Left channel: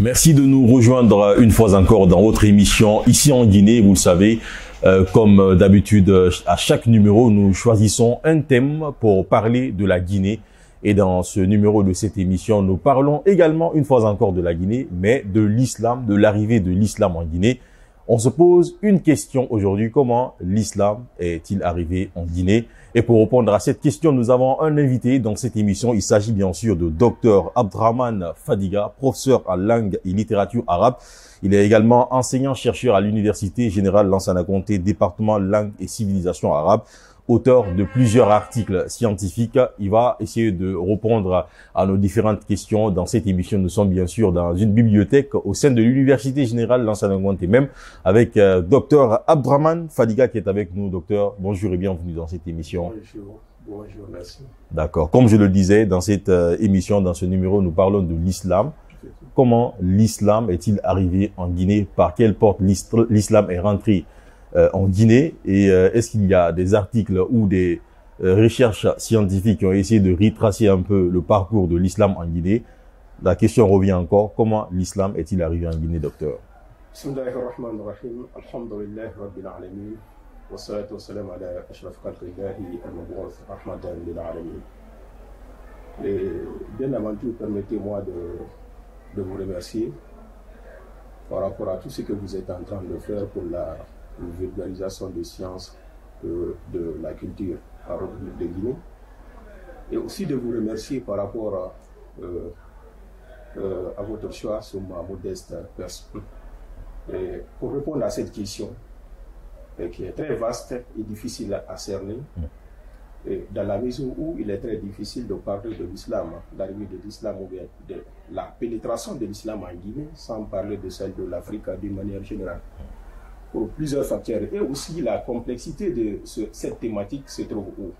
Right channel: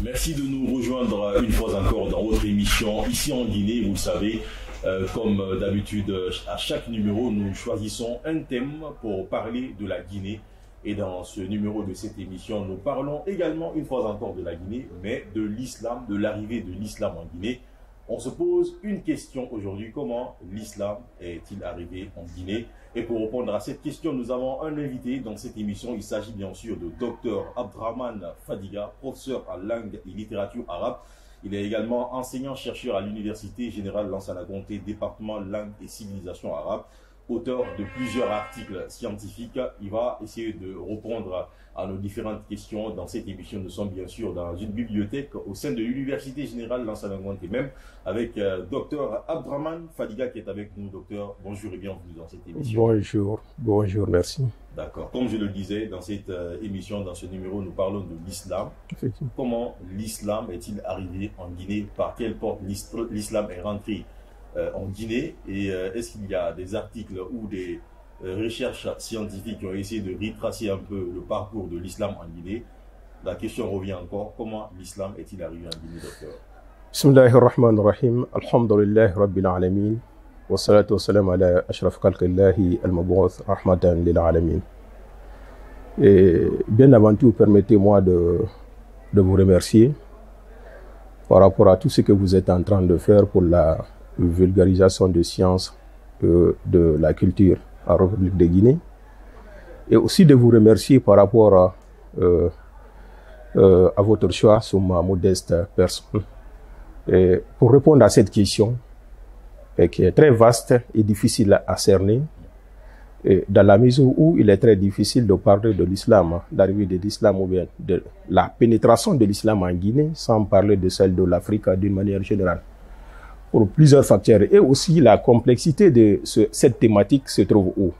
Merci de nous rejoindre une fois encore dans votre émission ici en Guinée. Vous le savez, comme d'habitude, à chaque numéro, nous choisissons un thème pour parler de la Guinée. Et dans ce numéro de cette émission, nous parlons également une fois encore de la Guinée, mais de l'islam, de l'arrivée de l'islam en Guinée. On se pose une question aujourd'hui, comment l'islam est-il arrivé en Guinée? Et pour répondre à cette question, nous avons un invité dans cette émission. Il s'agit bien sûr de Dr Abdraman Fadiga, professeur en langue et littérature arabe. Il est également enseignant-chercheur à l'Université Générale Lansana Conté, département langue et civilisation arabe. Auteur de plusieurs articles scientifiques. Il va essayer de répondre à nos différentes questions dans cette émission. Nous sommes bien sûr dans une bibliothèque au sein de l'Université Générale Lansana Conté même avec Dr Abdraman Fadiga qui est avec nous. Docteur, bonjour et bienvenue dans cette émission. Bonjour, merci. D'accord. Comme je le disais, dans cette émission, dans ce numéro, nous parlons de l'islam. Comment l'islam est-il arrivé en Guinée? Par quelle porte l'islam est rentré en Guinée, et est-ce qu'il y a des articles ou des recherches scientifiques qui ont essayé de retracer un peu le parcours de l'islam en Guinée? La question revient encore, comment l'islam est-il arrivé en Guinée, docteur? Bismillahirrahmanirrahim, alhamdulillahi rabbil alamin, wa salatu wa salam ala ashraf khalqillahi al-mab'outh rahmatan lil alamin. Et bien avant tout, permettez-moi de vous remercier par rapport à tout ce que vous êtes en train de faire pour la vulgarisation de sciences de la culture en République de Guinée, et aussi de vous remercier par rapport à votre choix sur ma modeste personne. Et pour répondre à cette question, qui est très vaste et difficile à cerner, et dans la mesure où il est très difficile de parler de l'islam, d'arrivée de l'islam ou bien de la pénétration de l'islam en Guinée, sans parler de celle de l'Afrique d'une manière générale, pour plusieurs facteurs. Et aussi la complexité de cette thématique se trouve où?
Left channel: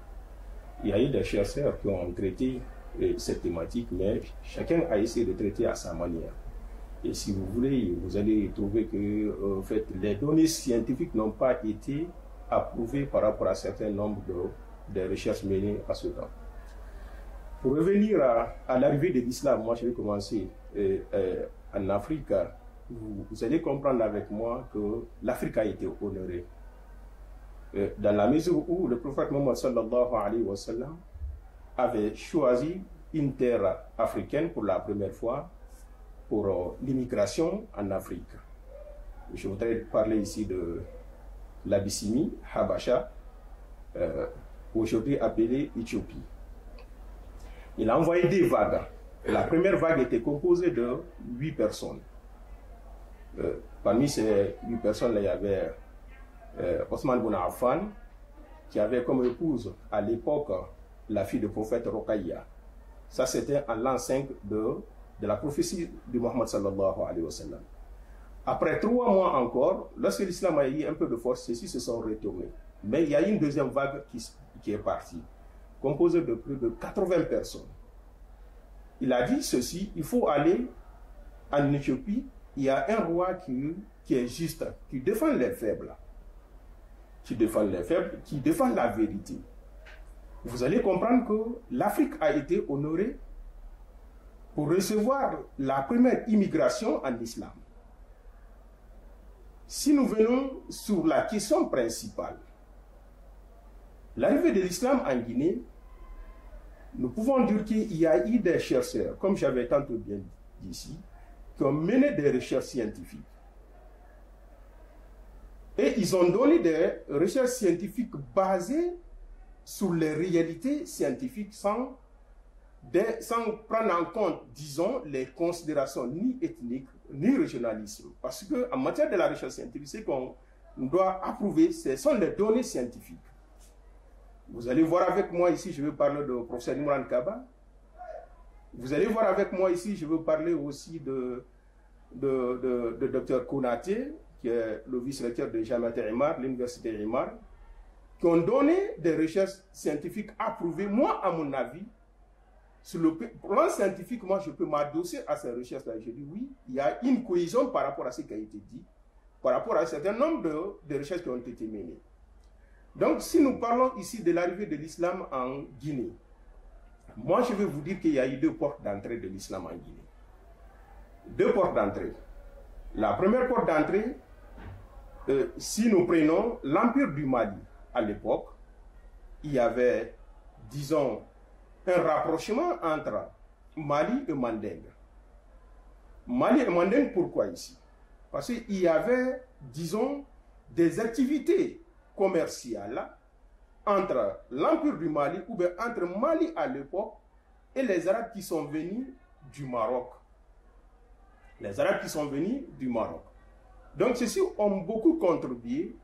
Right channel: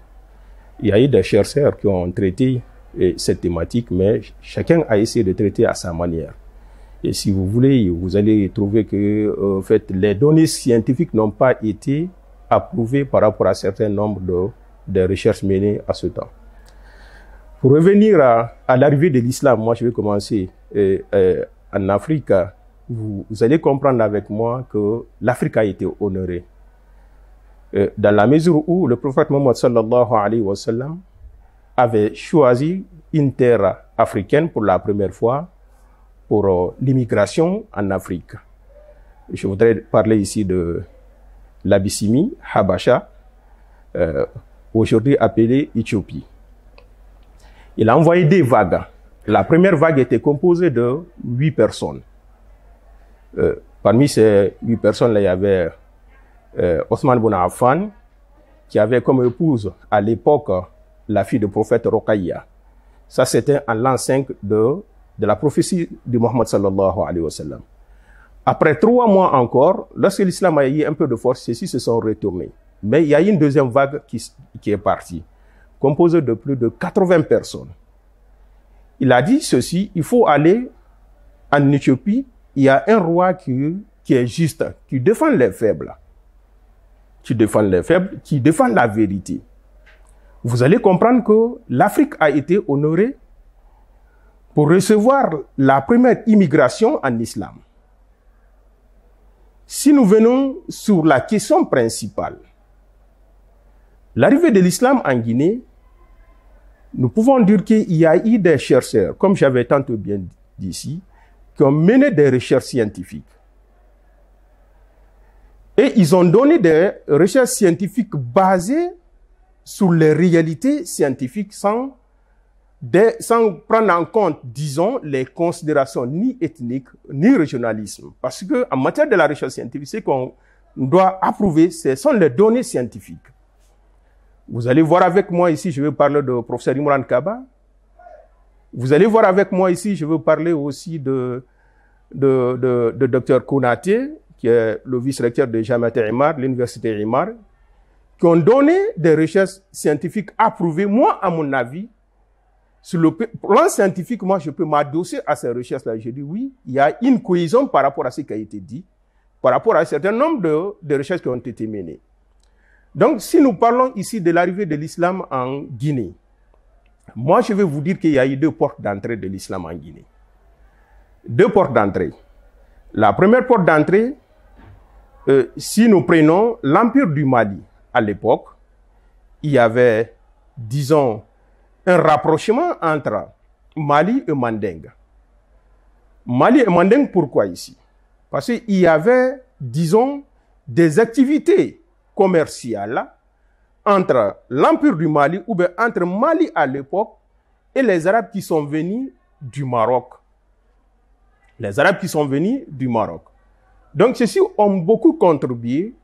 Il y a eu des chercheurs qui ont traité cette thématique, mais chacun a essayé de traiter à sa manière. Et si vous voulez, vous allez trouver que en fait, les données scientifiques n'ont pas été approuvées par rapport à un certain nombre de recherches menées à ce temps. Pour revenir à l'arrivée de l'islam, moi je vais commencer en Afrique. Vous allez comprendre avec moi que l'Afrique a été honorée. Dans la mesure où le prophète Mohammed sallallahu alayhi wa sallam avait choisi une terre africaine pour la première fois pour l'immigration en Afrique. Je voudrais parler ici de l'Abyssinie, Habasha, aujourd'hui appelée Éthiopie. Il a envoyé des vagues. La première vague était composée de 8 personnes. Parmi ces 8 personnes-là, il y avait Othman Ibn Affan, qui avait comme épouse à l'époque la fille du prophète Rokhaya. Ça, c'était en l'an 5 de la prophétie de Mohammed sallallahu alayhi wa sallam. Après 3 mois encore, lorsque l'islam a eu un peu de force, ceux-ci se sont retournés. Mais il y a eu une deuxième vague qui est partie, composée de plus de 80 personnes. Il a dit ceci: il faut aller en Éthiopie. Il y a un roi qui est juste, qui défend les faibles, qui défend la vérité. Vous allez comprendre que l'Afrique a été honorée pour recevoir la première immigration en islam. Si nous venons sur la question principale, l'arrivée de l'islam en Guinée, nous pouvons dire qu'il y a eu des chercheurs, comme j'avais tantôt bien dit ici, qui ont mené des recherches scientifiques. Et ils ont donné des recherches scientifiques basées sur les réalités scientifiques sans prendre en compte, disons, les considérations ni ethniques, ni régionalisme. Parce qu'en matière de la recherche scientifique, ce qu'on doit approuver, ce sont les données scientifiques. Vous allez voir avec moi ici, je vais parler de professeur Imran Kaba. Vous allez voir avec moi ici, je veux parler aussi de Dr Konaté, qui est le vice-recteur de Jamiat Imar, l'université Imar, qui ont donné des recherches scientifiques approuvées. Moi, à mon avis, sur le plan scientifique, moi, je peux m'adosser à ces recherches-là. Je dis oui, il y a une cohésion par rapport à ce qui a été dit, par rapport à un certain nombre de recherches qui ont été menées. Donc, si nous parlons ici de l'arrivée de l'islam en Guinée, moi, je vais vous dire qu'il y a eu 2 portes d'entrée de l'islam en Guinée. deux portes d'entrée. La première porte d'entrée, si nous prenons l'Empire du Mali à l'époque, il y avait, disons, un rapprochement entre Mali et Manding. Mali et Manding, pourquoi ici? Parce qu'il y avait, disons, des activités commerciales entre l'Empire du Mali, ou bien entre Mali à l'époque, et les Arabes qui sont venus du Maroc. Les Arabes qui sont venus du Maroc. Donc, ceux-ci ont beaucoup contribué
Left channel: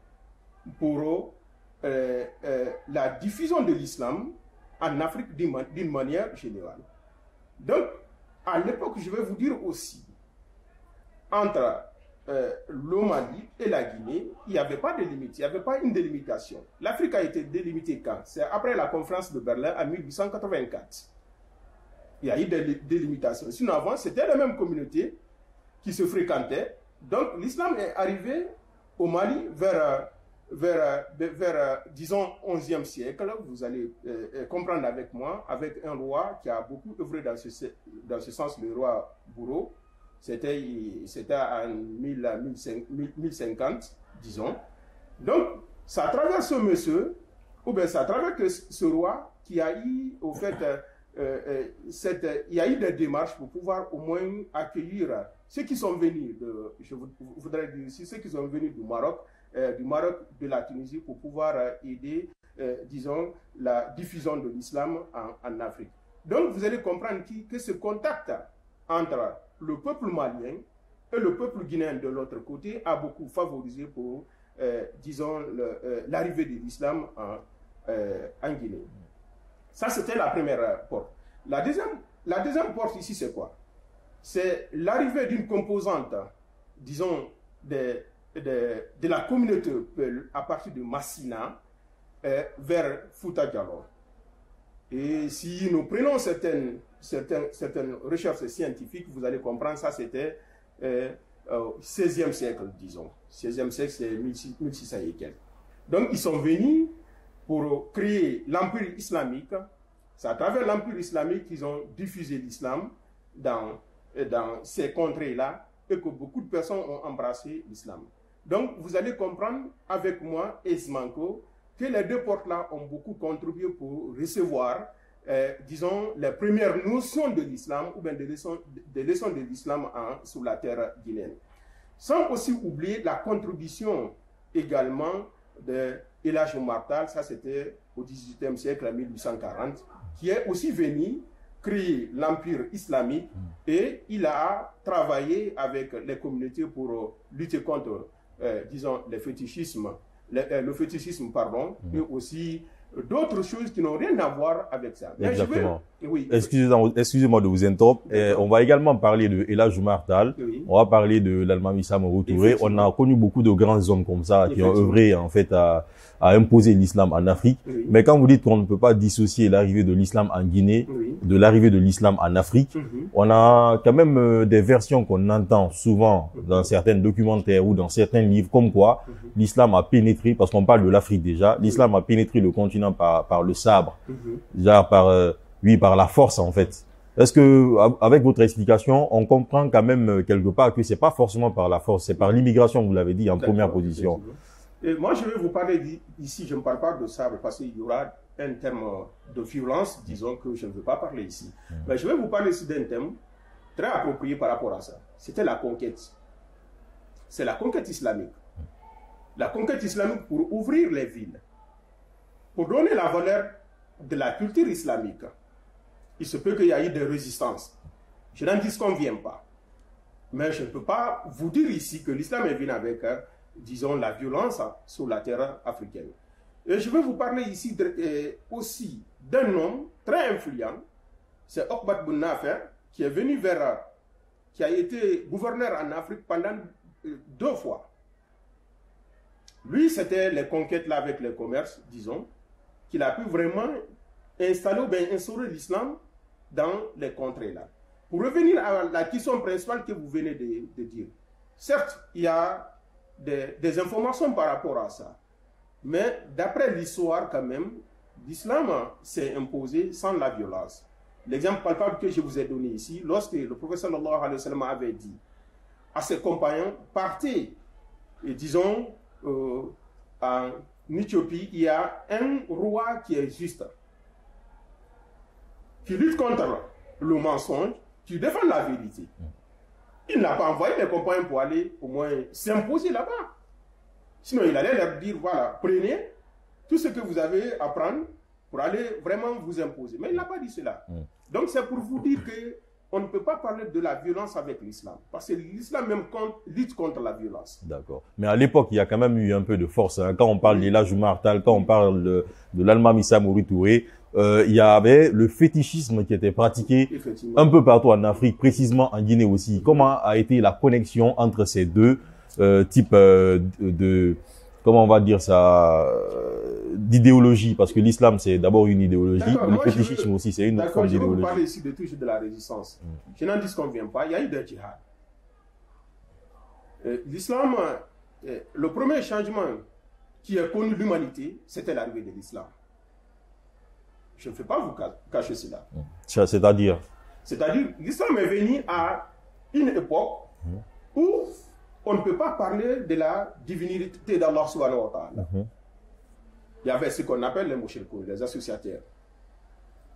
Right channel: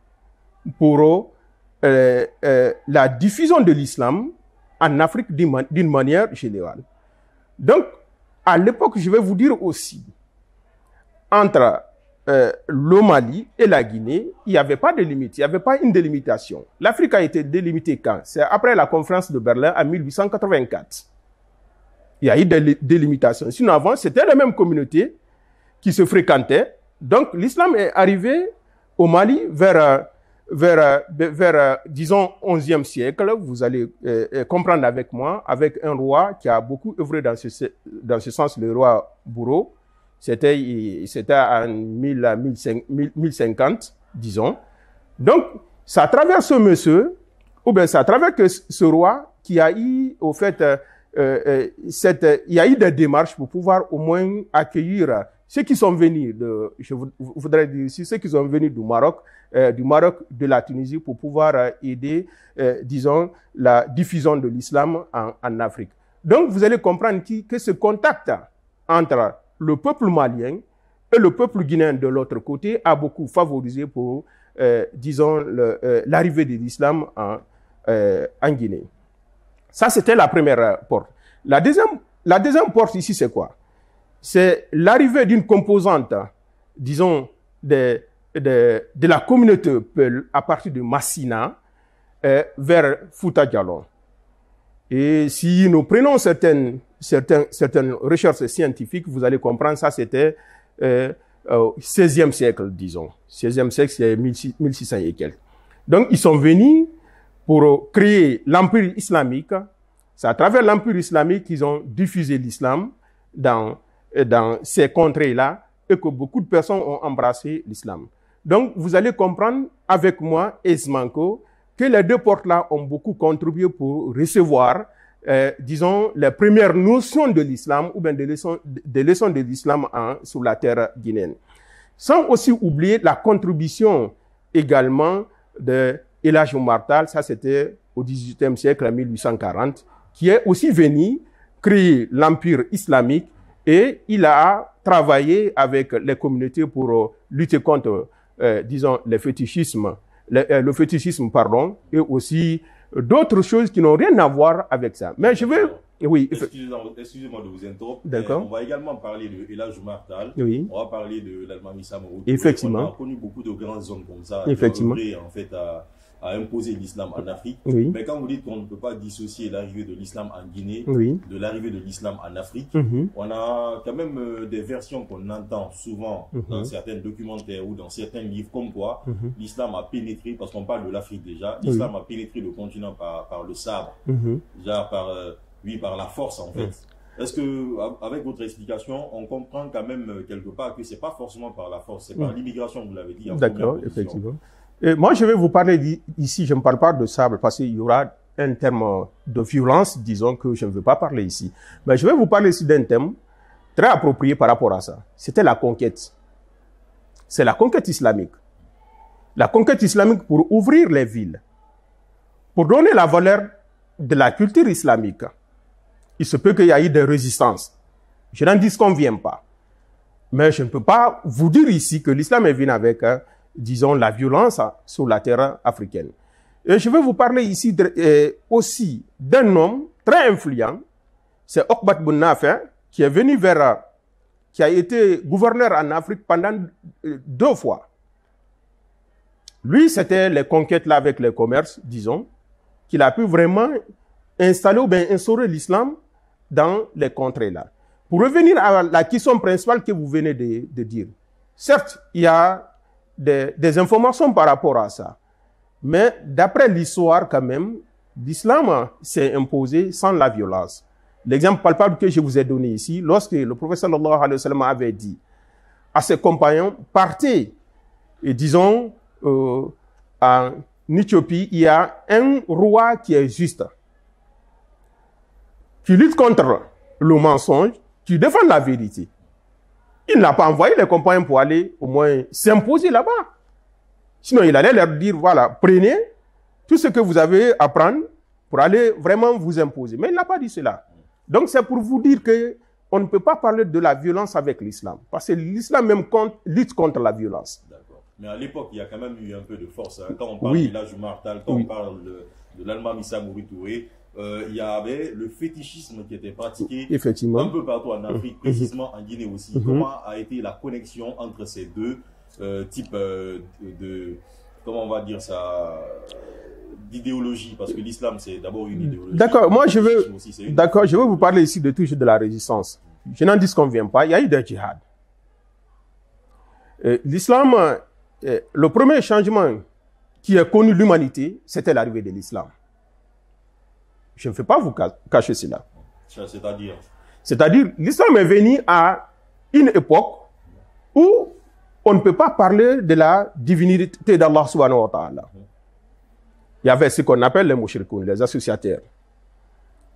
pour la diffusion de l'islam en Afrique d'une manière générale. Donc, à l'époque, je vais vous dire aussi, entre le Mali et la Guinée, il n'y avait pas de limite, il n'y avait pas une délimitation. L'Afrique a été délimitée quand? C'est après la conférence de Berlin en 1884. Il y a eu des délimitations. Sinon, avant, c'était la même communauté qui se fréquentait. Donc, l'islam est arrivé au Mali vers disons, 11e siècle. Vous allez comprendre avec moi, avec un roi qui a beaucoup œuvré dans ce sens, le roi Bourreau. C'était en 1050, disons. Donc, c'est à travers ce monsieur, ou bien c'est à travers ce roi qui a eu, au fait, il y a eu des démarches pour pouvoir au moins accueillir ceux qui sont venus, je voudrais dire ici, ceux qui sont venus du Maroc, de la Tunisie, pour pouvoir aider, disons, la diffusion de l'islam en Afrique. Donc, vous allez comprendre que ce contact entre le peuple malien et le peuple guinéen de l'autre côté a beaucoup favorisé pour, disons, l'arrivée de l'islam en Guinée. Ça, c'était la première porte. La deuxième porte ici, c'est quoi? C'est l'arrivée d'une composante, disons, de la communauté Peul à partir de Massina vers Fouta Djallon. Et si nous prenons certaines recherches scientifiques, vous allez comprendre, ça c'était 16e siècle, disons. 16e siècle, c'est 1600 et quelques. Donc, ils sont venus pour créer l'Empire islamique. C'est à travers l'Empire islamique qu'ils ont diffusé l'islam dans ces contrées-là et que beaucoup de personnes ont embrassé l'islam. Donc, vous allez comprendre avec moi aisément que les deux portes-là ont beaucoup contribué pour recevoir, disons, les premières notions de l'islam ou bien des leçons de l'islam sur la terre guinéenne. Sans aussi oublier la contribution également de El Hadj Oumar Tall, ça c'était au XVIIIe siècle, en 1840, qui est aussi venu créer l'Empire islamique et il a travaillé avec les communautés pour lutter contre, disons, le fétichisme, et aussi d'autres choses qui n'ont rien à voir avec ça. Mais exactement. Je vais... Oui. Excusez-moi de vous interrompre. On va également parler de El Hadj Oumar Tall. Oui. On va parler de l'Almami Samori Touré. On a connu beaucoup de grands hommes comme ça qui ont œuvré, en fait, à imposer l'islam en Afrique. Oui. Mais quand vous dites qu'on ne peut pas dissocier l'arrivée de l'islam en Guinée de l'arrivée de l'islam en Afrique, on a quand même des versions qu'on entend souvent dans certains documentaires ou dans certains livres, comme quoi l'islam a pénétré, parce qu'on parle de l'Afrique déjà, l'islam a pénétré le continent par le sabre, déjà par la force en fait. Est-ce que, avec votre explication, on comprend quand même quelque part que c'est pas forcément par la force, c'est par l'immigration, vous l'avez dit en première position. Et moi, je vais vous parler ici, je ne parle pas de sabre parce qu'il y aura un terme de violence, disons, que je ne veux pas parler ici. Mais je vais vous parler ici d'un thème très approprié par rapport à ça. C'était la conquête. C'est la conquête islamique. La conquête islamique pour ouvrir les villes, pour donner la valeur de la culture islamique. Il se peut qu'il y ait eu des résistances. Je n'en disconviens pas. Mais je ne peux pas vous dire ici que l'islam est venu avec, disons, la violence sur la terre africaine. Et je vais vous parler ici aussi d'un homme très influent, c'est Okbat Boun Nafer, qui est venu qui a été gouverneur en Afrique pendant 2 fois. Lui, c'était les conquêtes là avec le commerce, disons, qu'il a pu vraiment installer ou bien instaurer l'islam dans les contrées là. Pour revenir à la question principale que vous venez de dire, certes, il y a des informations par rapport à ça. Mais d'après l'histoire quand même, l'islam s'est imposé sans la violence. L'exemple palpable que je vous ai donné ici, lorsque le prophète sallallahu alayhi wa sallam avait dit à ses compagnons, partez, et disons, en Éthiopie, il y a un roi qui est juste, qui lutte contre le mensonge, qui défend la vérité. Il n'a pas envoyé les compagnons pour aller au moins s'imposer là-bas. Sinon, il allait leur dire, voilà, prenez tout ce que vous avez à prendre pour aller vraiment vous imposer. Mais il n'a pas dit cela. Donc, c'est pour vous dire que on ne peut pas parler de la violence avec l'islam. Parce que l'islam même lutte contre la violence. D'accord. Mais à l'époque, il y a quand même eu un peu de force. Hein. Quand on parle d'Elhadji Oumar Tall, quand on parle de l'Almami Samori Touré, il y avait le fétichisme qui était pratiqué un peu partout en Afrique, précisément en Guinée aussi. Comment a été la connexion entre ces deux types de comment on va dire ça, d'idéologie, parce que l'islam c'est d'abord une idéologie. D'accord, moi je veux, je veux vous parler ici toujours de la résistance. Je n'en disconviens pas, il y a eu des djihad. L'islam, le premier changement qui a connu l'humanité, c'était l'arrivée de l'islam. Je ne vais pas vous cacher cela. C'est-à-dire, l'islam est venu à une époque où on ne peut pas parler de la divinité d'Allah subhanahu wa ta'ala. Il y avait ce qu'on appelle les mouchrikoun, les associateurs.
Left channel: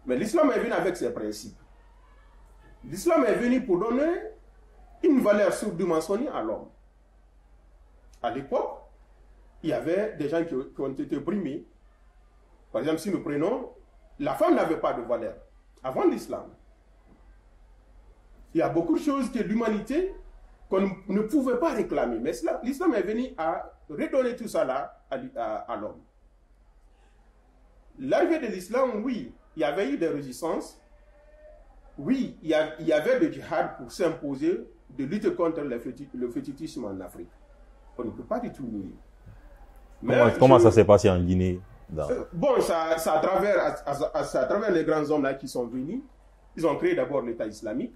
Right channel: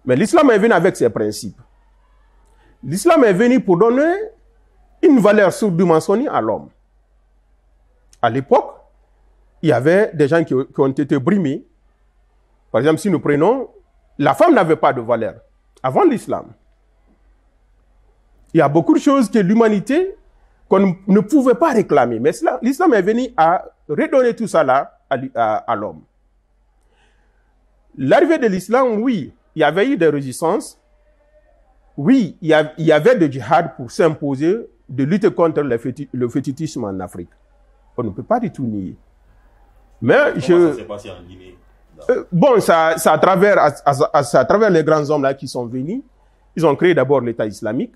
Mais l'islam est venu avec ses principes. L'islam est venu pour donner une valeur surdimensionnée à l'homme. À l'époque, il y avait des gens qui ont été brimés. Par exemple, si nous prenons, la femme n'avait pas de valeur avant l'islam. Il y a beaucoup de choses que l'humanité qu'on ne pouvait pas réclamer. Mais l'islam est venu à redonner tout ça là à l'homme. L'arrivée de l'islam, oui, il y avait eu des résistances. Oui, il y avait des djihad pour s'imposer, de lutter contre le fétichisme en Afrique. On ne peut pas du tout nier. Mais comment ça s'est passé en Guinée? Bon, c'est à travers les grands hommes là qui sont venus. Ils ont créé d'abord l'État islamique,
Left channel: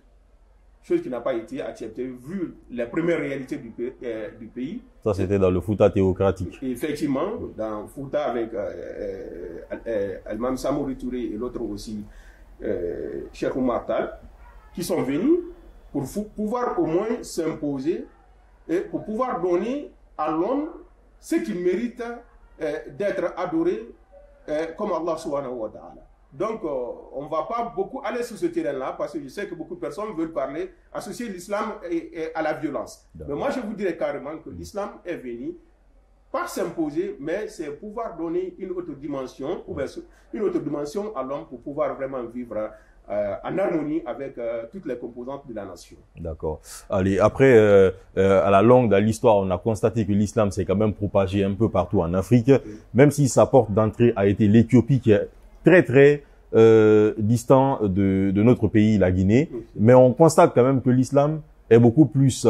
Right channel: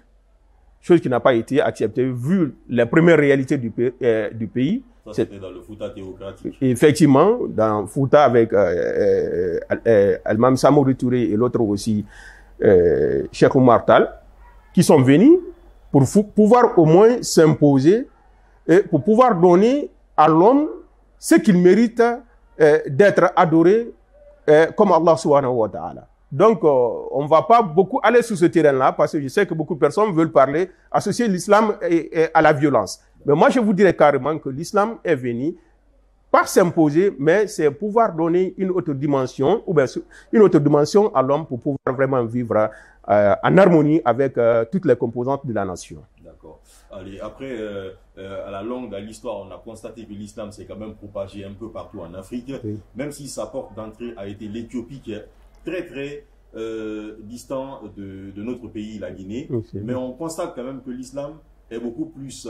chose qui n'a pas été acceptée vu les premières réalités du pays. Ça, c'était dans le Fouta théocratique. Effectivement, dans Fouta avec Almami Samori Touré et l'autre aussi, Cheikh Oumar Tall, qui sont venus pour pouvoir au moins s'imposer et pour pouvoir donner à l'homme ce qu'il mérite d'être adoré comme Allah subhanahu wa ta'ala. Donc, on ne va pas beaucoup aller sur ce terrain-là parce que je sais que beaucoup de personnes veulent parler, associer l'islam à la violence. Mais moi, je vous dirais carrément que l'islam est venu pas s'imposer, mais c'est pouvoir donner une autre dimension, ou bien une autre dimension à l'homme pour pouvoir vraiment vivre en harmonie avec toutes les composantes de la nation. D'accord. Allez, après, à la longue de l'histoire, on a constaté que l'islam s'est quand même propagé un peu partout en Afrique, même si sa porte d'entrée a été l'Éthiopie, qui est très très distant de notre pays, la Guinée. Mais on constate quand même que l'islam est beaucoup plus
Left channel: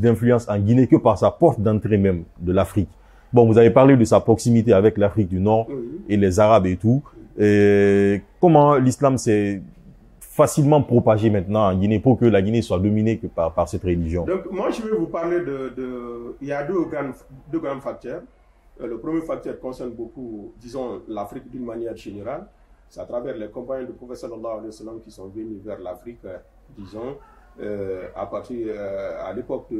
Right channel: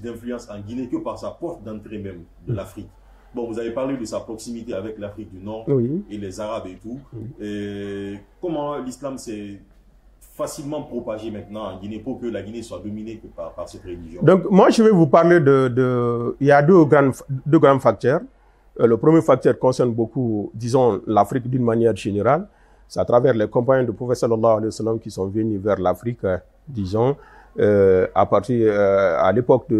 d'influence en Guinée que par sa porte d'entrée même de l'Afrique. Bon, vous avez parlé de sa proximité avec l'Afrique du Nord et les Arabes et tout. Et comment l'islam s'est facilement propagé maintenant en Guinée pour que la Guinée soit dominée que par cette religion? Donc, moi, je vais vous parler il y a deux grands facteurs. Le premier facteur concerne beaucoup, disons, l'Afrique d'une manière générale. C'est à travers les compagnons du prophète sallallahu alayhi wa sallam qui sont venus vers l'Afrique, disons, à l'époque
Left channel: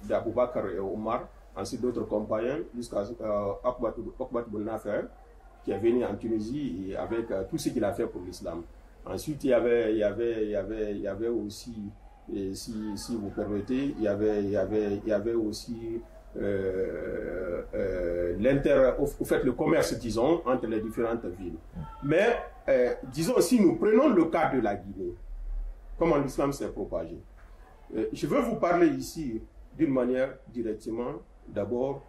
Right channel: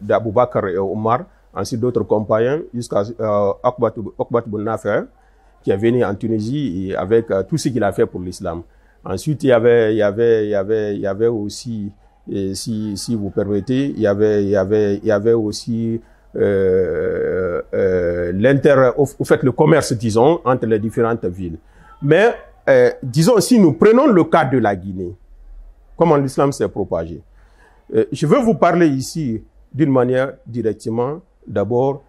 d'Abou Bakr et Omar, ensuite d'autres compagnons, jusqu'à Uqbat ibn Nafi', qui est venu en Tunisie et avec tout ce qu'il a fait pour l'islam. Ensuite, il y avait aussi, si vous permettez, il y avait aussi le commerce, disons, entre les différentes villes. Mais, disons, si nous prenons le cas de la Guinée, comment l'islam s'est propagé. Je veux vous parler ici d'une manière directement. D'abord,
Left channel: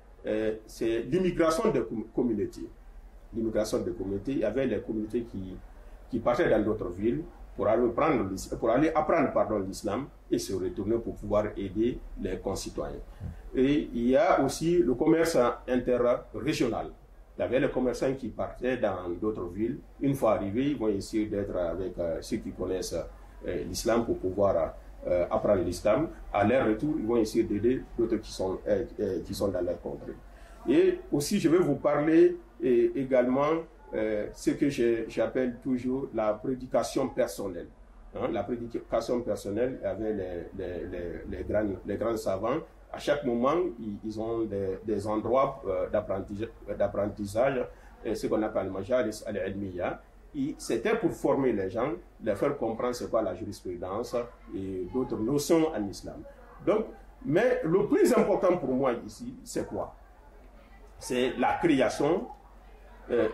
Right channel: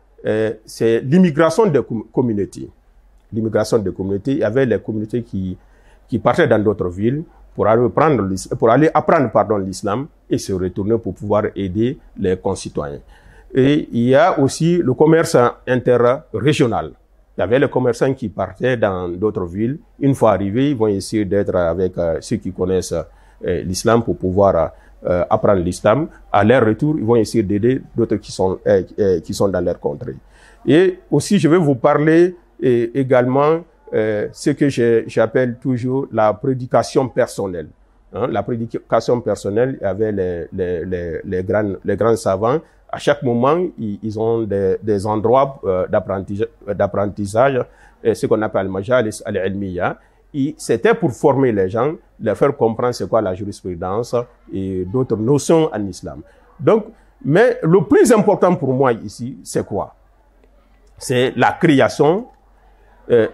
c'est l'immigration des communautés. L'immigration des communautés, il y avait les communautés qui partaient dans d'autres villes pour aller apprendre l'islam et se retourner pour pouvoir aider les concitoyens. Et il y a aussi le commerce interrégional. Il y avait les commerçants qui partaient dans d'autres villes. Une fois arrivés, ils vont essayer d'être avec ceux qui connaissent l'islam pour pouvoir apprendre l'islam. À leur retour, ils vont essayer d'aider d'autres qui sont dans leur contrée. Et aussi, je vais vous parler également ce que j'appelle toujours la prédication personnelle. Hein, la prédication personnelle, il y avait les grands savants. À chaque moment, ils ont des endroits d'apprentissage, ce qu'on appelle majalis al-ilmiya. C'était pour former les gens, leur faire comprendre c'est quoi la jurisprudence et d'autres notions en islam. Donc, mais le plus important pour moi ici, c'est quoi? C'est la création,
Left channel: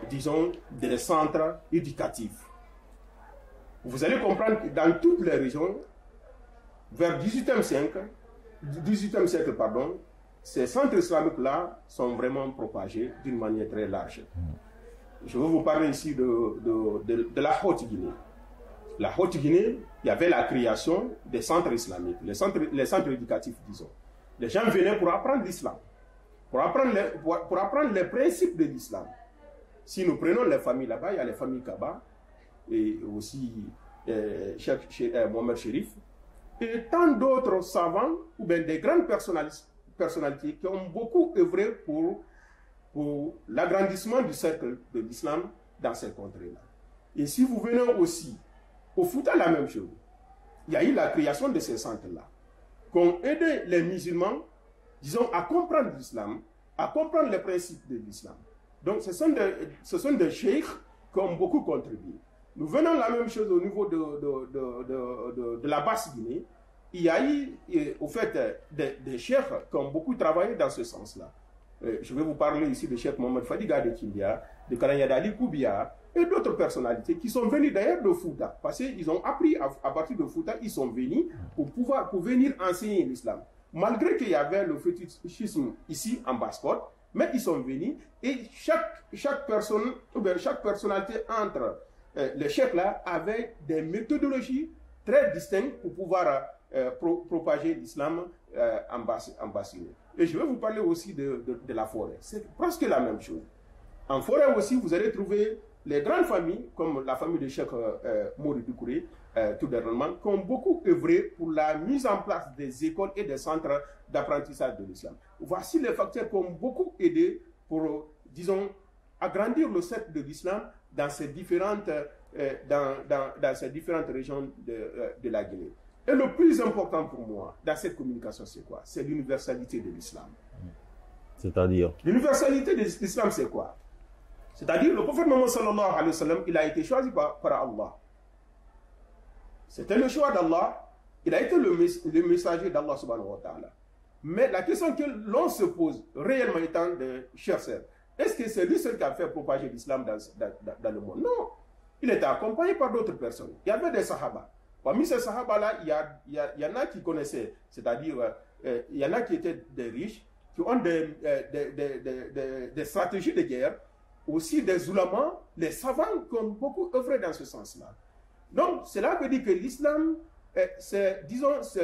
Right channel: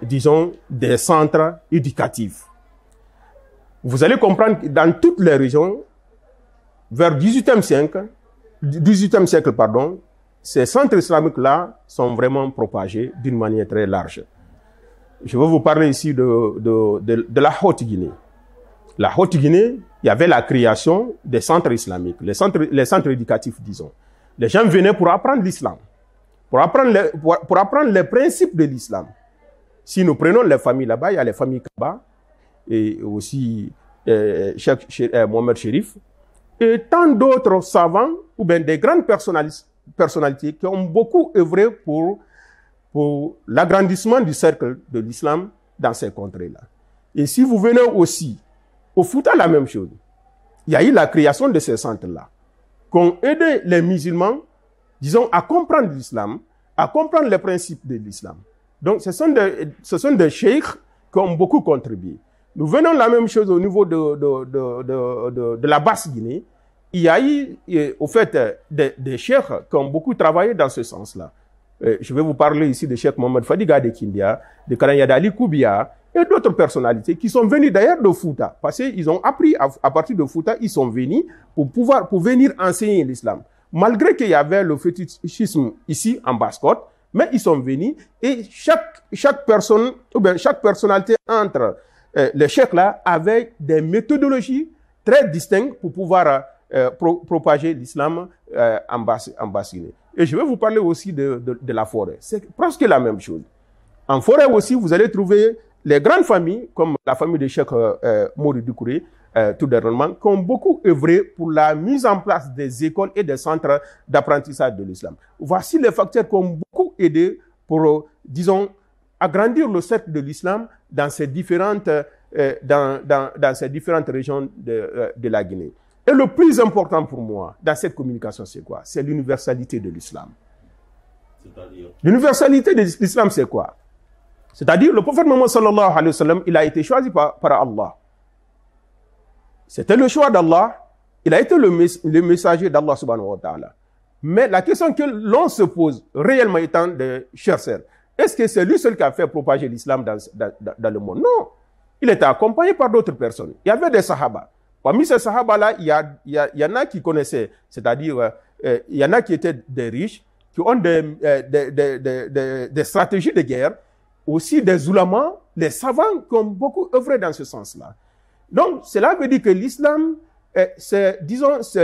disons, des centres éducatifs. Vous allez comprendre que dans toutes les régions, vers 18e siècle, ces centres islamiques-là sont vraiment propagés d'une manière très large. Je vais vous parler ici de la Haute-Guinée. La Haute-Guinée, il y avait la création des centres islamiques, les centres éducatifs, disons. Les gens venaient pour apprendre l'islam, pour apprendre les principes de l'islam. Si nous prenons les familles là-bas, il y a les familles Kaba, et aussi Mohamed Chérif, et tant d'autres savants, ou bien des grandes personnalités qui ont beaucoup œuvré pour l'agrandissement du cercle de l'islam dans ces contrées-là. Et si vous venez aussi au Fouta, la même chose. Il y a eu la création de ces centres-là, qui ont aidé les musulmans, disons, à comprendre l'islam, à comprendre les principes de l'islam. Donc, ce sont des cheikhs qui ont beaucoup contribué. Nous venons la même chose au niveau de la Basse-Guinée. Il y a eu, au fait, des cheikhs qui ont beaucoup travaillé dans ce sens-là. Je vais vous parler ici de Cheikh Mohamed Fadiga de Kindia, de Karanyada Ali Koubia et d'autres personnalités qui sont venus d'ailleurs de Fouta. Parce qu'ils ont appris à partir de Fouta, ils sont venus pour venir enseigner l'islam. Malgré qu'il y avait le fétichisme ici en Basse-Côte, mais ils sont venus et chaque personne, ou bien chaque personnalité entre les cheikhs là avait des méthodologies très distinctes pour pouvoir propager l'islam en Basse-Guinée. Et je vais vous parler aussi de la forêt. C'est presque la même chose. En forêt aussi, vous allez trouver les grandes familles, comme la famille de Cheikh Mori Doucouré, tout dernièrement, qui ont beaucoup œuvré pour la mise en place des écoles et des centres d'apprentissage de l'islam. Voici les facteurs qui ont beaucoup aidé pour, disons, agrandir le cercle de l'islam dans ces différentes, dans ces différentes régions de la Guinée. Et le plus important pour moi dans cette communication, c'est quoi? C'est l'universalité de l'islam. C'est-à-dire? L'universalité de l'islam, c'est quoi? C'est-à-dire, le prophète Mohammed sallallahu alayhi wa sallam, il a été choisi par Allah. C'était le choix d'Allah. Il a été le messager d'Allah subhanahu wa ta'ala. Mais la question que l'on se pose réellement étant de chers sœurs, est-ce que c'est lui seul qui a fait propager l'islam dans le monde? Non. Il était accompagné par d'autres personnes. Il y avait des sahaba. Parmi ces sahaba-là, il y en a qui connaissaient, c'est-à-dire, il y en a qui étaient des riches, qui ont des stratégies de guerre, aussi des ulamas, les savants qui ont beaucoup œuvré dans ce sens-là. Donc, cela veut dire que l'islam, c'est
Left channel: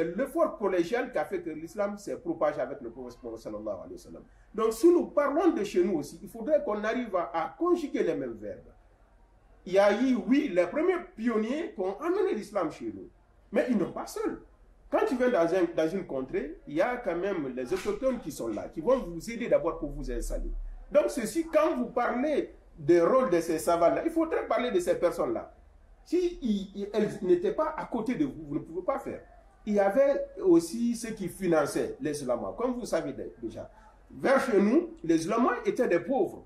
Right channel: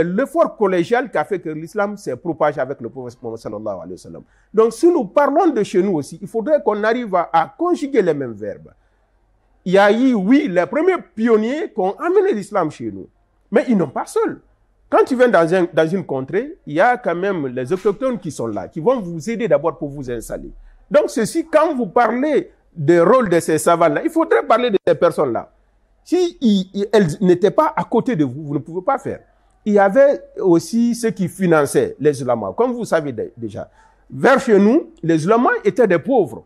l'effort collégial qui a fait que l'islam s'est propagé avec le prophète Mohammed sallallahu alayhi wa sallam. Donc, si nous parlons de chez nous aussi, il faudrait qu'on arrive à conjuguer les mêmes verbes. Il y a eu, oui, les premiers pionniers qui ont amené l'islam chez nous. Mais ils n'ont pas seuls. Quand tu viens dans une contrée, il y a quand même les autochtones qui sont là, qui vont vous aider d'abord pour vous installer. Donc ceci, quand vous parlez du rôle de ces savants-là, il faudrait parler de ces personnes-là. Si elles n'étaient pas à côté de vous, vous ne pouvez pas faire. Il y avait aussi ceux qui finançaient les ulamas, comme vous savez déjà. Vers chez nous, les ulamas étaient des pauvres.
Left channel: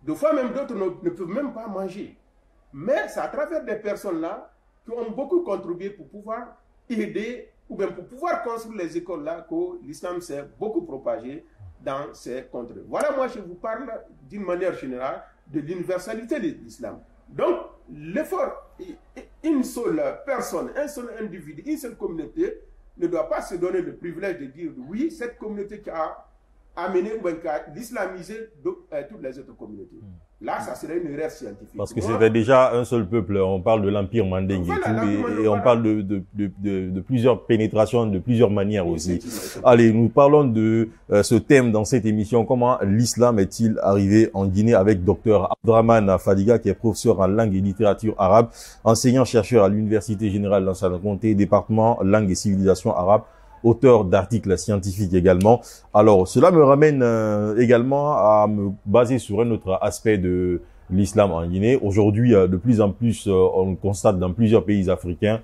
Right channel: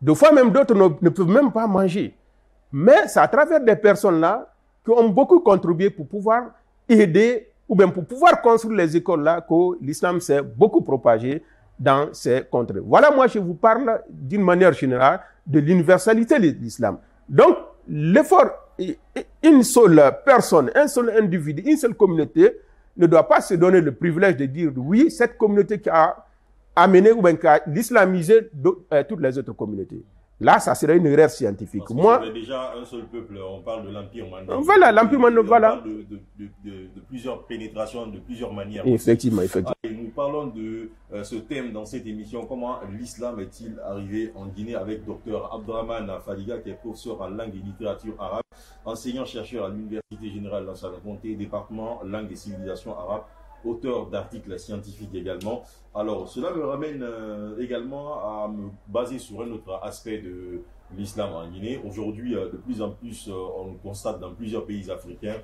Des fois même d'autres ne peuvent même pas manger. Mais c'est à travers des personnes-là qui ont beaucoup contribué pour pouvoir aider ou bien pour pouvoir construire les écoles-là que l'islam s'est beaucoup propagé dans ces contrées. Voilà, moi je vous parle d'une manière générale de l'universalité de l'islam. Donc, l'effort, une seule personne, un seul individu, une seule communauté ne doit pas se donner le privilège de dire oui, cette communauté qui a amener ou bien l'islamiser toutes les autres communautés. Là, ça serait une erreur scientifique. Parce que c'était déjà un seul peuple. On parle de l'Empire Mandingue. Voilà, l'Empire Mandingue. On parle de plusieurs pénétrations, de plusieurs manières aussi. Effectivement. Allez, nous parlons de ce thème dans cette émission. Comment l'islam est-il arrivé en Guinée avec Dr Abdrahmane Fadiga, qui est professeur en langue et littérature arabe, enseignant-chercheur à l'Université Générale d'Ansana-Conté, département langue et civilisation arabe, auteur d'articles scientifiques également. Alors, cela me ramène également à me baser sur un autre aspect de l'islam en Guinée. Aujourd'hui, de plus en plus, on constate dans plusieurs pays africains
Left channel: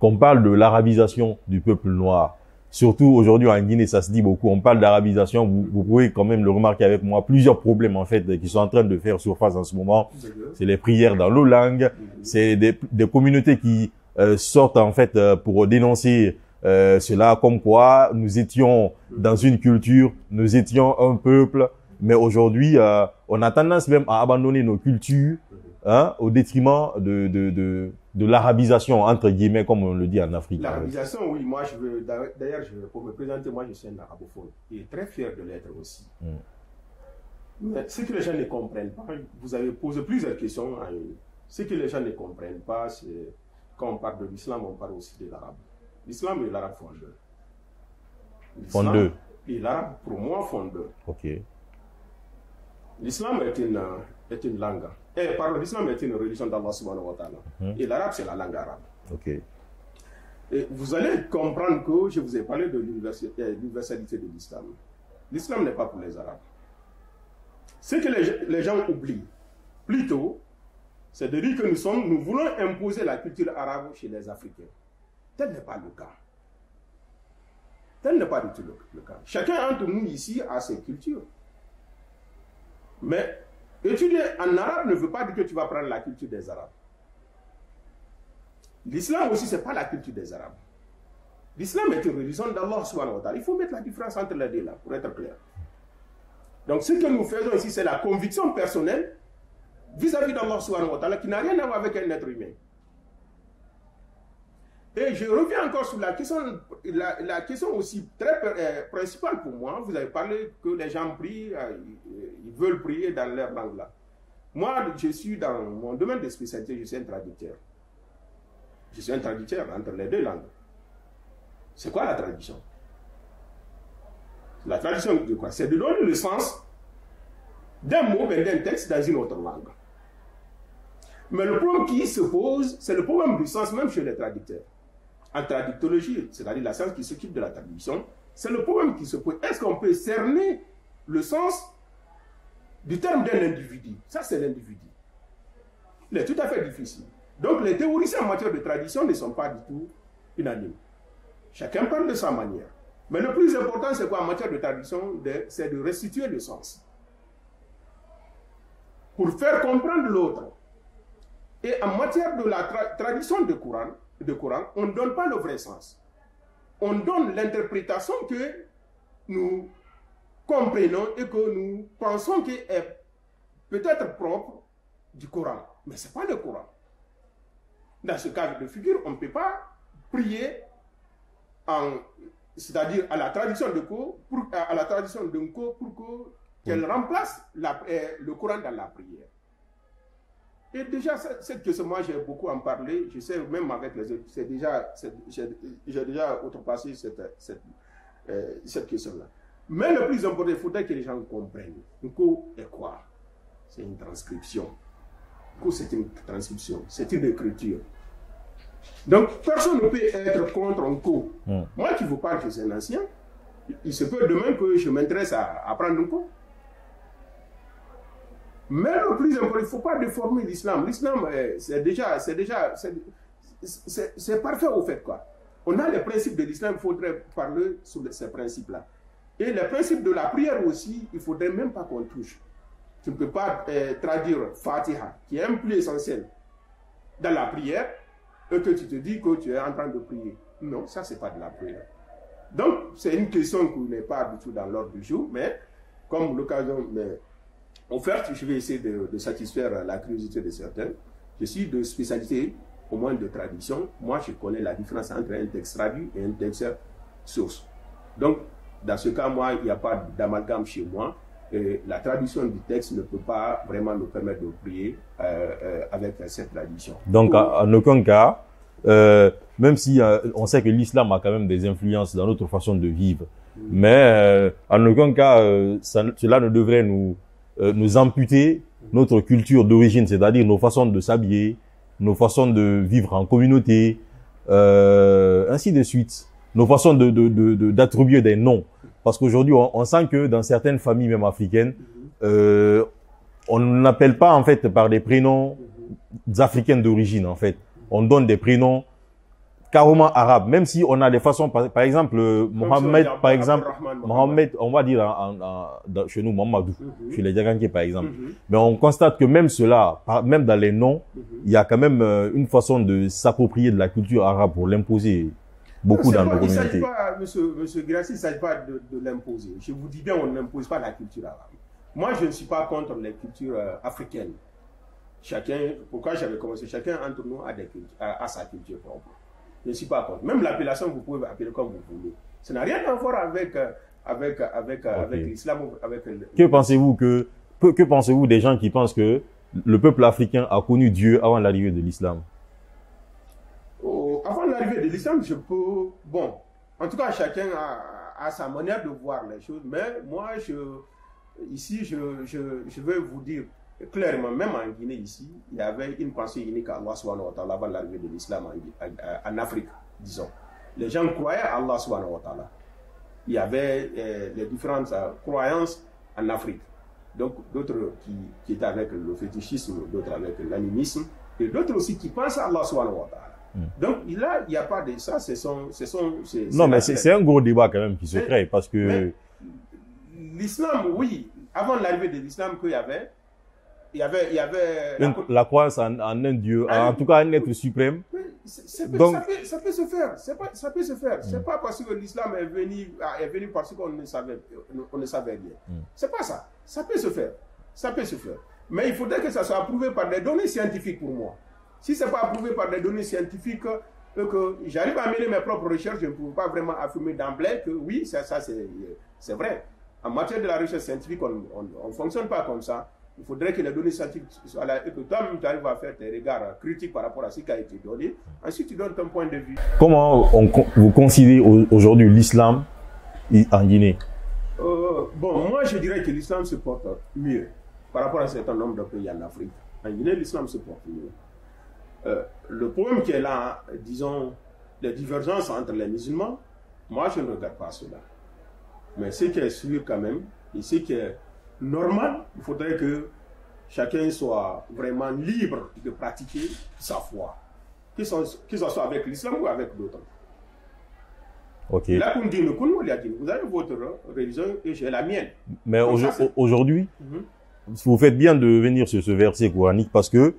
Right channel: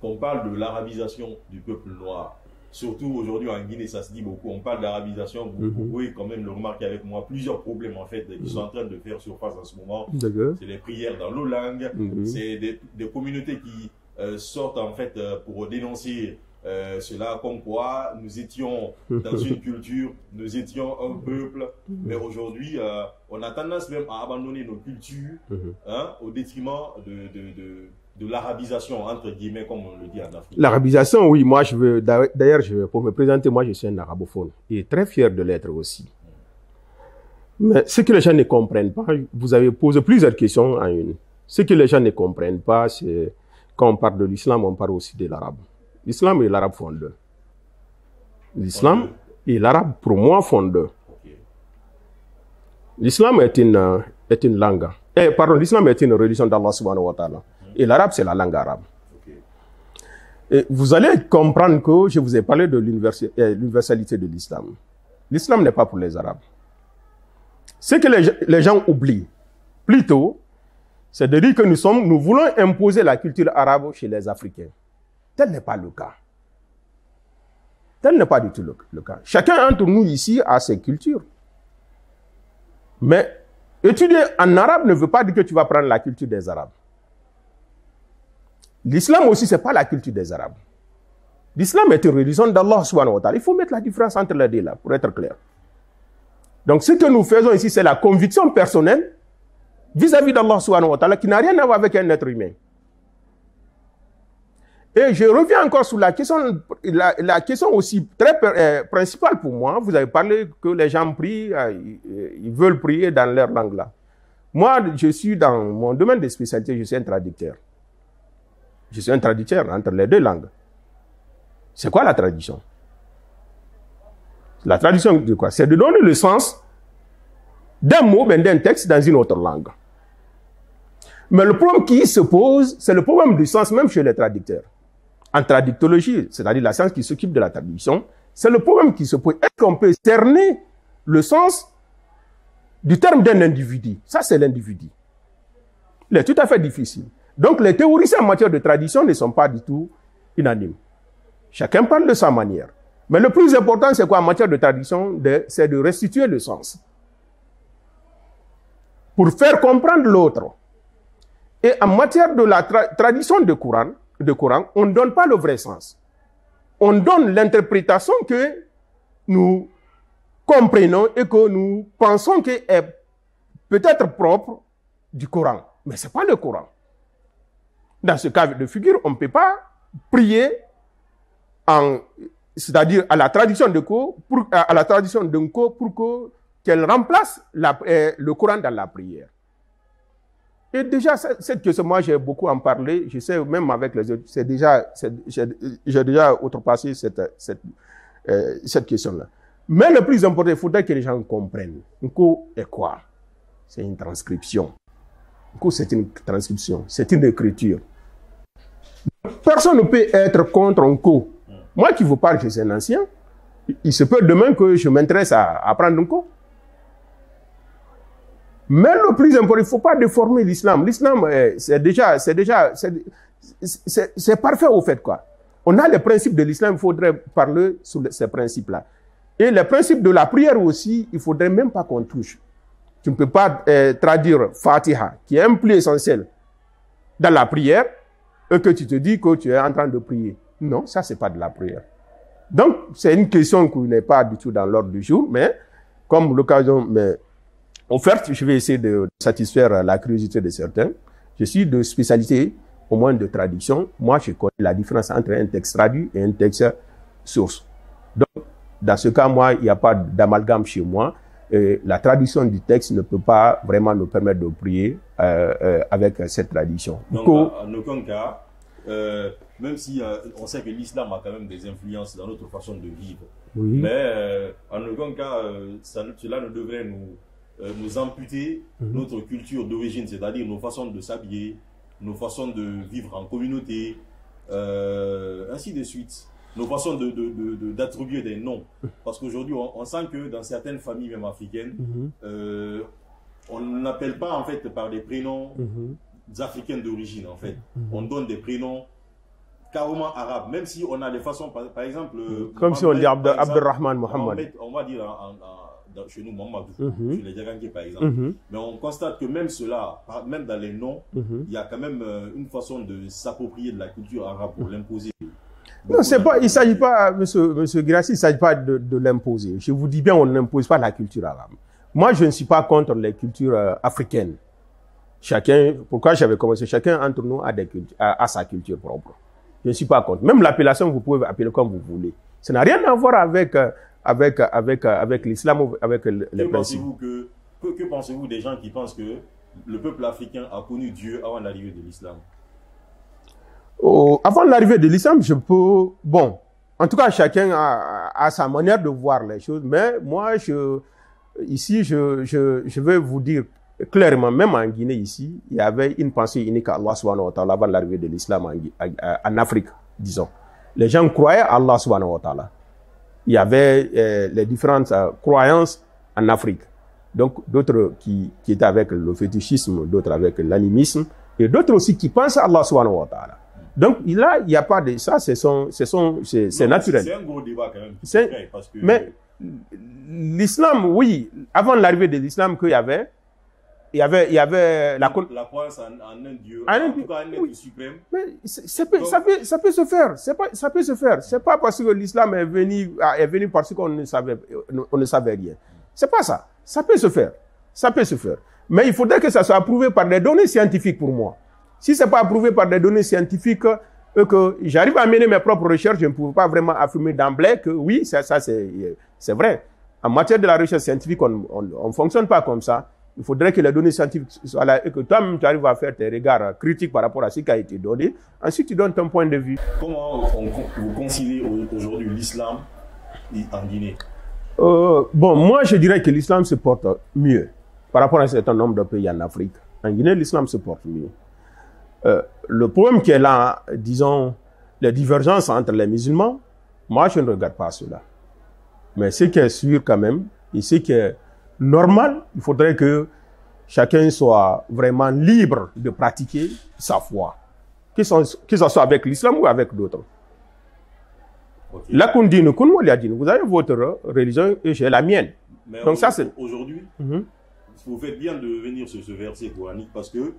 qu'on parle de l'arabisation du peuple noir. Surtout aujourd'hui en Guinée, ça se dit beaucoup. On parle d'arabisation. Vous pouvez quand même le remarquer avec moi. Plusieurs problèmes en fait qui sont en train de faire surface en ce moment. C'est les prières dans l'autre langue. C'est des communautés qui sortent en fait pour dénoncer cela, comme quoi nous étions dans une culture, nous étions un peuple, mais aujourd'hui on a tendance même à abandonner nos cultures au détriment de l'arabisation, entre guillemets, comme on le dit en Afrique. L'arabisation, oui, moi je veux, d'ailleurs pour me présenter, moi je suis un arabophone et très fier de l'être aussi. Mais ce que les gens ne comprennent pas, vous avez posé plusieurs questions en une. Ce que les gens ne comprennent pas, c'est quand on parle de l'islam, on parle aussi de l'arabe. L'islam et l'arabe font deux. L'islam et l'arabe, pour moi, font deux. Okay. L'islam est une langue. L'islam est une religion d'Allah subhanahu wa ta'ala. Et l'arabe, c'est la langue arabe. Okay. Et vous allez comprendre que je vous ai parlé de l'universalité de l'islam. L'islam n'est pas pour les arabes. Ce que les gens oublient, plutôt, c'est de dire que nous voulons imposer la culture arabe chez les Africains. Tel n'est pas le cas. Tel n'est pas du tout le cas. Chacun d'entre nous ici a ses cultures. Mais étudier en arabe ne veut pas dire que tu vas prendre la culture des Arabes. L'islam aussi, ce n'est pas la culture des Arabes. L'islam est une religion d'Allah subhanahu wa ta'ala. Il faut mettre la différence entre les deux là, pour être clair. Donc ce que nous faisons ici, c'est la conviction personnelle vis-à-vis d'Allah subhanahu wa ta'ala qui n'a rien à voir avec un être humain. Et je reviens encore sur la question aussi très principale pour moi. Vous avez parlé que les gens prient, ils veulent prier dans leur langue là. Moi, je suis dans mon domaine de spécialité, je suis un traducteur. Je suis un traducteur entre les deux langues. C'est quoi la traduction? La traduction de quoi? C'est de donner le sens d'un mot, d'un texte dans une autre langue. Mais le problème qui se pose, c'est le problème du sens même chez les traducteurs. En traductologie, c'est-à-dire la science qui s'occupe de la traduction, c'est le problème qui se pose. Est-ce qu'on peut cerner le sens du terme d'un individu? Ça, c'est l'individu. Il est tout à fait difficile. Donc, les théoriciens en matière de traduction ne sont pas du tout unanimes. Chacun parle de sa manière. Mais le plus important, c'est quoi en matière de traduction? C'est de restituer le sens. Pour faire comprendre l'autre. Et en matière de la tradition de Coran, on ne donne pas le vrai sens. On donne l'interprétation que nous comprenons et que nous pensons qu'elle est peut-être propre du Coran. Mais ce n'est pas le Coran. Dans ce cas de figure, on ne peut pas prier c'est-à-dire à la tradition de pour qu'elle remplace le Coran dans la prière. Et déjà, cette question, moi j'ai beaucoup en parlé, je sais même avec les autres, j'ai déjà outrepassé cette question-là. Mais le plus important, il faudrait que les gens comprennent. Nko est quoi? C'est une transcription. Nko, c'est une transcription, c'est une écriture. Donc, personne ne peut être contre Nko. Moi qui vous parle, je suis un ancien, il se peut demain que je m'intéresse à apprendre Nko. Mais le plus important, il ne faut pas déformer l'islam. L'islam, c'est parfait au fait, quoi. On a les principes de l'islam, il faudrait parler sur ces principes-là. Et les principes de la prière aussi, il ne faudrait même pas qu'on touche. Tu ne peux pas traduire Fatiha, qui est un plus essentiel dans la prière, et que tu te dis que tu es en train de prier. Non, ça, ce n'est pas de la prière. Donc, c'est une question qui n'est pas du tout dans l'ordre du jour, mais comme l'occasion m'est offerte, je vais essayer de satisfaire la curiosité de certains. Je suis de spécialité, au moins de traduction. Moi, je connais la différence entre un texte traduit et un texte source. Donc, dans ce cas, moi, il n'y a pas d'amalgame chez moi. La traduction du texte ne peut pas vraiment nous permettre de prier avec cette tradition. Donc, en aucun cas, même si on sait que l'islam a quand même des influences dans notre façon de vivre, oui. Mais en aucun cas, cela ne devrait nous amputer notre culture d'origine, c'est-à-dire nos façons de s'habiller, nos façons de vivre en communauté, ainsi de suite. Nos façons d'attribuer des noms. Parce qu'aujourd'hui, on sent que dans certaines familles, même africaines, on n'appelle pas en fait par des prénoms africains d'origine en fait. On donne des prénoms carrément arabes, même si on a des façons, par exemple, Mohamed, par exemple, Mohamed, on va dire chez nous Mohamedou, chez les Diaganké par exemple. Mais on constate que même cela, même dans les noms, il y a quand même une façon de s'approprier de la culture arabe pour l'imposer. Non, il ne s'agit pas, monsieur Guirassy, il ne s'agit pas de l'imposer. Je vous dis bien, on n'impose pas la culture arabe. Moi, je ne suis pas contre les cultures africaines. Pourquoi j'avais commencé? Chacun entre nous a sa culture propre. Je ne suis pas contre. Même l'appellation, vous pouvez appeler comme vous voulez. Ça n'a rien à voir avec l'islam. Que pensez-vous des gens qui pensent que le peuple africain a connu Dieu avant l'arrivée de l'islam? Avant l'arrivée de l'islam, bon, en tout cas, chacun a sa manière de voir les choses, mais moi, ici, je vais vous dire clairement, même en Guinée, ici, il y avait une pensée unique à Allah subhanahu wa ta'ala avant l'arrivée de l'islam en Afrique, disons. Les gens croyaient à Allah subhanahu wa ta'ala. Il y avait les différentes croyances en Afrique. Donc, d'autres qui étaient avec le fétichisme, d'autres avec l'animisme, et d'autres aussi qui pensent à Allah subhanahu wa ta'ala. Donc là, il n'y a pas de ça, c'est naturel. C'est un gros débat quand même qui se crée parce que... Mais l'islam, oui, avant l'arrivée de l'islam qu'il y avait, la croyance en un Dieu, en tout cas un être suprême. Mais ça peut se faire, ça peut se faire. C'est pas parce que l'islam est venu parce qu'on ne savait rien. C'est pas ça. Ça peut se faire. Ça peut se faire. Mais il faudrait que ça soit approuvé par des données scientifiques pour moi. Si c'est pas approuvé par des données scientifiques, que j'arrive à mener mes propres recherches, je ne peux pas vraiment affirmer d'emblée que oui, ça c'est vrai. En matière de la recherche scientifique, on ne fonctionne pas comme ça. Il faudrait que les données scientifiques soient là et que toi-même tu arrives à faire tes regards critiques par rapport à ce qui a été donné. Ensuite, tu donnes ton point de vue. Comment vous considérez aujourd'hui l'islam en Guinée? Bon, moi je dirais que l'islam se porte mieux par rapport à un certain nombre de pays en Afrique. En Guinée, l'islam se porte mieux. Le problème qui est là, disons, les divergences entre les musulmans, moi je ne regarde pas cela. Mais ce qui est sûr quand même, et ce qui est normal, il faudrait que chacun soit vraiment libre de pratiquer sa foi, que ce soit avec l'islam ou avec d'autres. Okay. Vous avez votre religion et j'ai la mienne. Mais aujourd'hui, vous faites bien de venir sur ce verset coranique parce que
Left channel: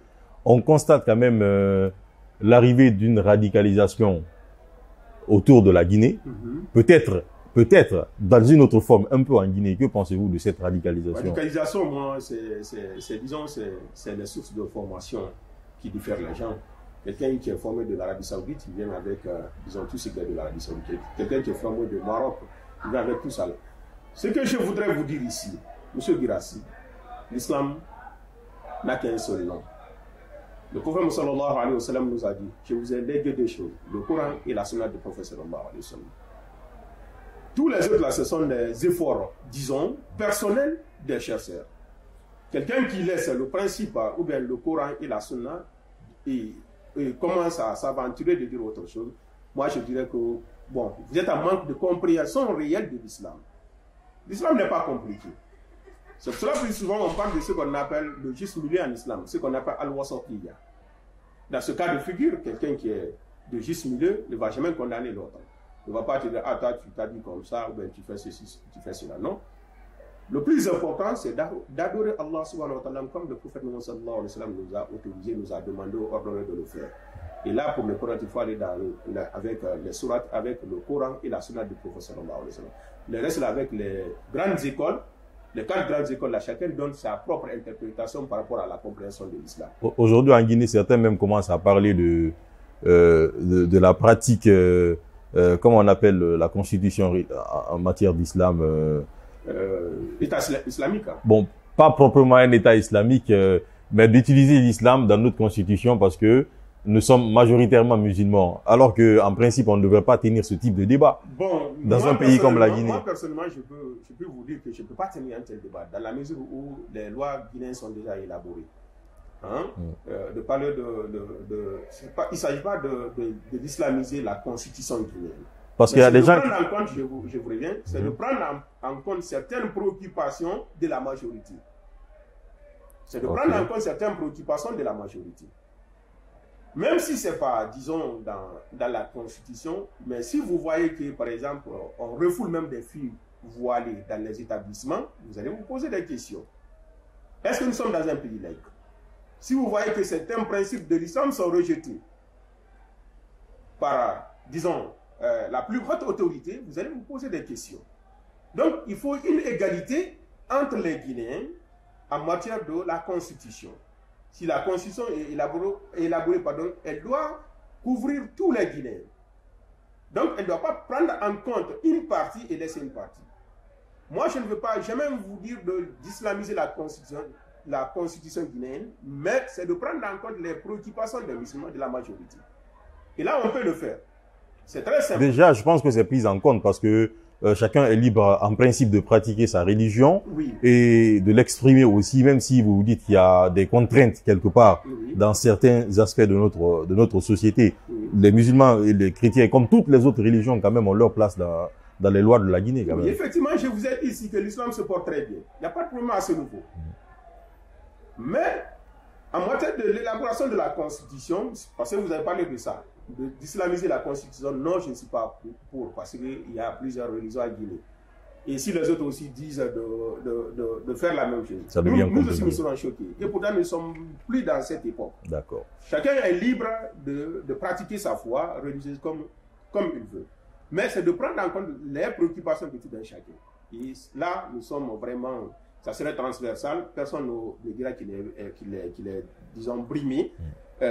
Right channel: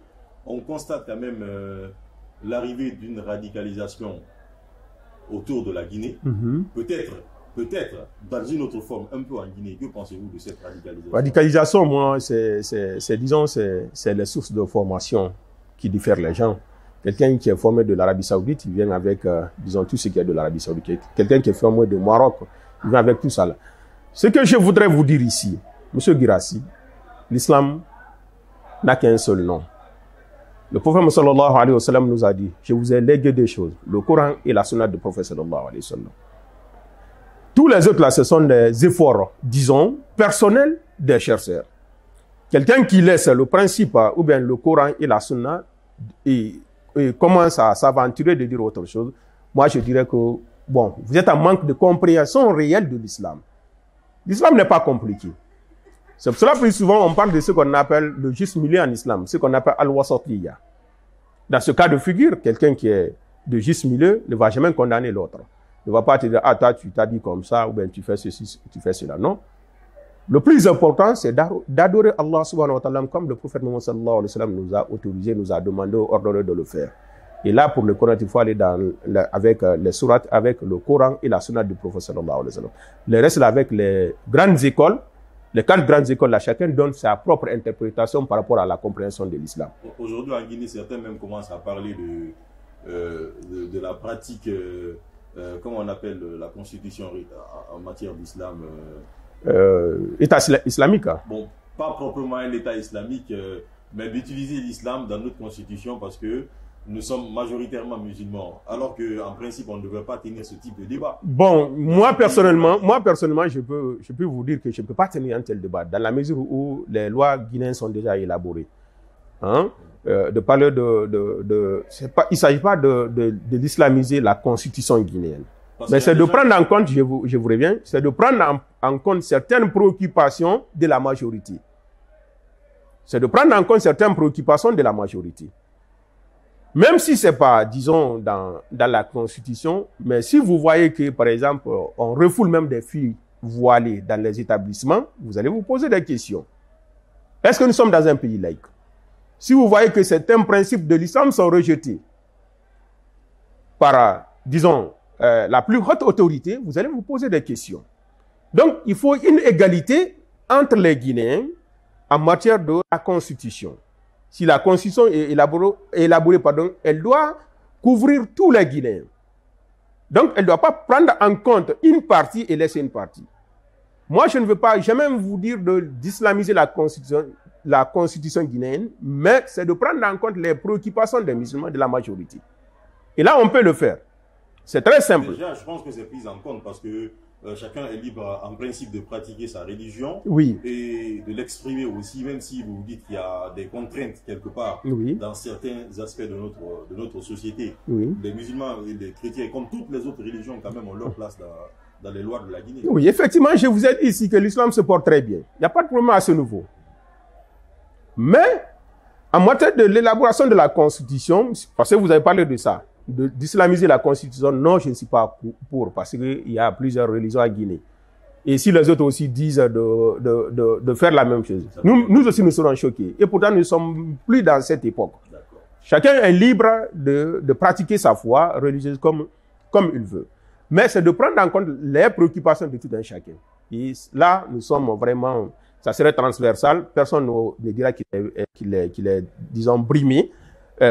on constate quand même l'arrivée d'une radicalisation autour de la Guinée. Peut-être dans une autre forme, un peu en Guinée. Que pensez-vous de cette radicalisation? Radicalisation, moi, c'est les sources de formation qui diffèrent les gens. Quelqu'un qui est formé de l'Arabie Saoudite, il vient avec, disons, tout ce qui est de l'Arabie Saoudite. Quelqu'un qui est formé de Maroc, il vient avec tout ça. Ce que je voudrais vous dire ici, Monsieur Guirassy, l'islam n'a qu'un seul nom. Le prophète sallallahu alayhi wa sallam nous a dit, je vous ai légué deux choses, le Coran et la sunna du prophète sallallahu alayhi wa sallam. Tous les autres là, ce sont des efforts, disons, personnels des chercheurs. Quelqu'un qui laisse le principe ou bien le Coran et la sunna et commence à s'aventurer de dire autre chose, moi je dirais que, bon, vous êtes en manque de compréhension réelle de l'islam. L'islam n'est pas compliqué. C'est pour cela que plus souvent on parle de ce qu'on appelle le juste milieu en islam, ce qu'on appelle al-wasatiyya. Dans ce cas de figure, quelqu'un qui est de juste milieu ne va jamais condamner l'autre. Il ne va pas te dire, ah, toi, tu t'as dit comme ça, ou bien tu fais ceci, tu fais cela. Non. Le plus important, c'est d'adorer Allah subhanahu wa ta'ala comme le prophète Mohammed sallallahu alayhi wa sallam nous a autorisé, nous a demandé, ordonné de le faire. Et là, pour le Coran, il faut aller avec les sourates, avec le Coran et la sunna du prophète sallallahu alayhi wa sallam. Le reste, là, avec les grandes écoles, les 4 grandes écoles, là, chacun donne sa propre interprétation par rapport à la compréhension de l'islam. Aujourd'hui, en Guinée, certains même commencent à parler de la pratique, comment on appelle la constitution en matière d'islam État islamique. Hein. Bon, pas proprement un État islamique, mais d'utiliser l'islam dans notre constitution parce que nous sommes majoritairement musulmans, alors qu'en principe, on ne devrait pas tenir ce type de débat. Bon, moi personnellement, je peux vous dire que je ne peux pas tenir un tel débat, dans la mesure où les lois guinéennes sont déjà élaborées. Hein? De parler il ne s'agit pas de l'islamiser la constitution guinéenne. Mais c'est de prendre en compte, je vous reviens, c'est de prendre en compte certaines préoccupations de la majorité. C'est de prendre en compte certaines préoccupations de la majorité. Même si ce n'est pas, disons, dans la Constitution, mais si vous voyez que, par exemple, on refoule même des filles voilées dans les établissements, vous allez vous poser des questions. Est-ce que nous sommes dans un pays laïque? Si vous voyez que certains principes de l'islam sont rejetés par, disons, la plus haute autorité, vous allez vous poser des questions. Donc, il faut une égalité entre les Guinéens en matière de la Constitution. Si la Constitution est élaborée, elle doit couvrir tous les Guinéens. Donc, elle ne doit pas prendre en compte une partie et laisser une partie. Moi, je ne veux pas jamais vous dire d'islamiser la Constitution guinéenne, mais c'est de prendre en compte les préoccupations des musulmans de la majorité. Et là, on peut le faire. C'est très simple. Déjà, je pense que c'est pris en compte parce que chacun est libre en principe de pratiquer sa religion et de l'exprimer aussi, même si vous dites qu'il y a des contraintes quelque part dans certains aspects de notre société. Les musulmans et les chrétiens, comme toutes les autres religions, quand même, ont leur place dans les lois de la Guinée. Oui, effectivement, je vous ai dit ici que l'islam se porte très bien. Il n'y a pas de problème à ce niveau. Mais, en matière de l'élaboration de la Constitution, parce que vous avez parlé de ça, d'islamiser la Constitution, non, je ne suis pas pour, parce qu'il y a plusieurs religions en Guinée. Et si les autres aussi disent de faire la même chose, nous aussi nous serons choqués. Et pourtant, nous ne sommes plus dans cette époque. D'accord. Chacun est libre de pratiquer sa foi religieuse comme il veut. Mais c'est de prendre en compte les préoccupations de tout un chacun. Et là, nous sommes vraiment... Ça serait transversal. Personne ne dira qu'il est, disons, brimé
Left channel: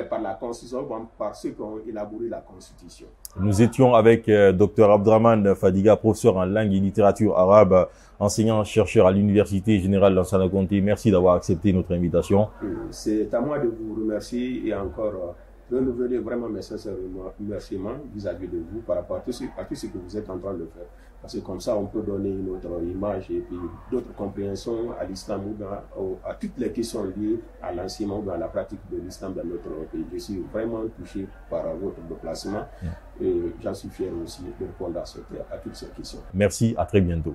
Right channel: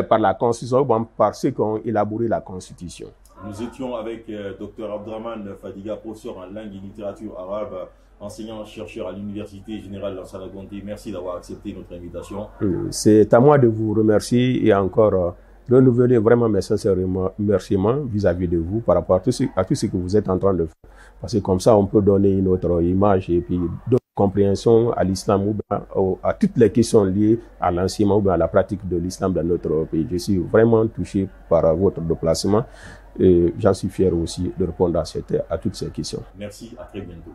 par la Constitution ou par ceux qui ont élaboré la Constitution. Nous étions avec Dr Abdraman Fadiga, professeur en langue et littérature arabe, enseignant-chercheur à l'Université Générale d'Lansana Conté. Merci d'avoir accepté notre invitation. C'est à moi de vous remercier et encore renouveler vraiment mes sincères remerciements vis-à-vis de vous par rapport à tout ce que vous êtes en train de faire. Parce que comme ça, on peut donner une autre image et puis d'autres compréhensions à l'islam ou à toutes les questions liées à l'enseignement ou à la pratique de l'islam dans notre pays. Je suis vraiment touché par votre déplacement et j'en suis fier aussi de répondre à toutes ces questions. Merci, à très bientôt.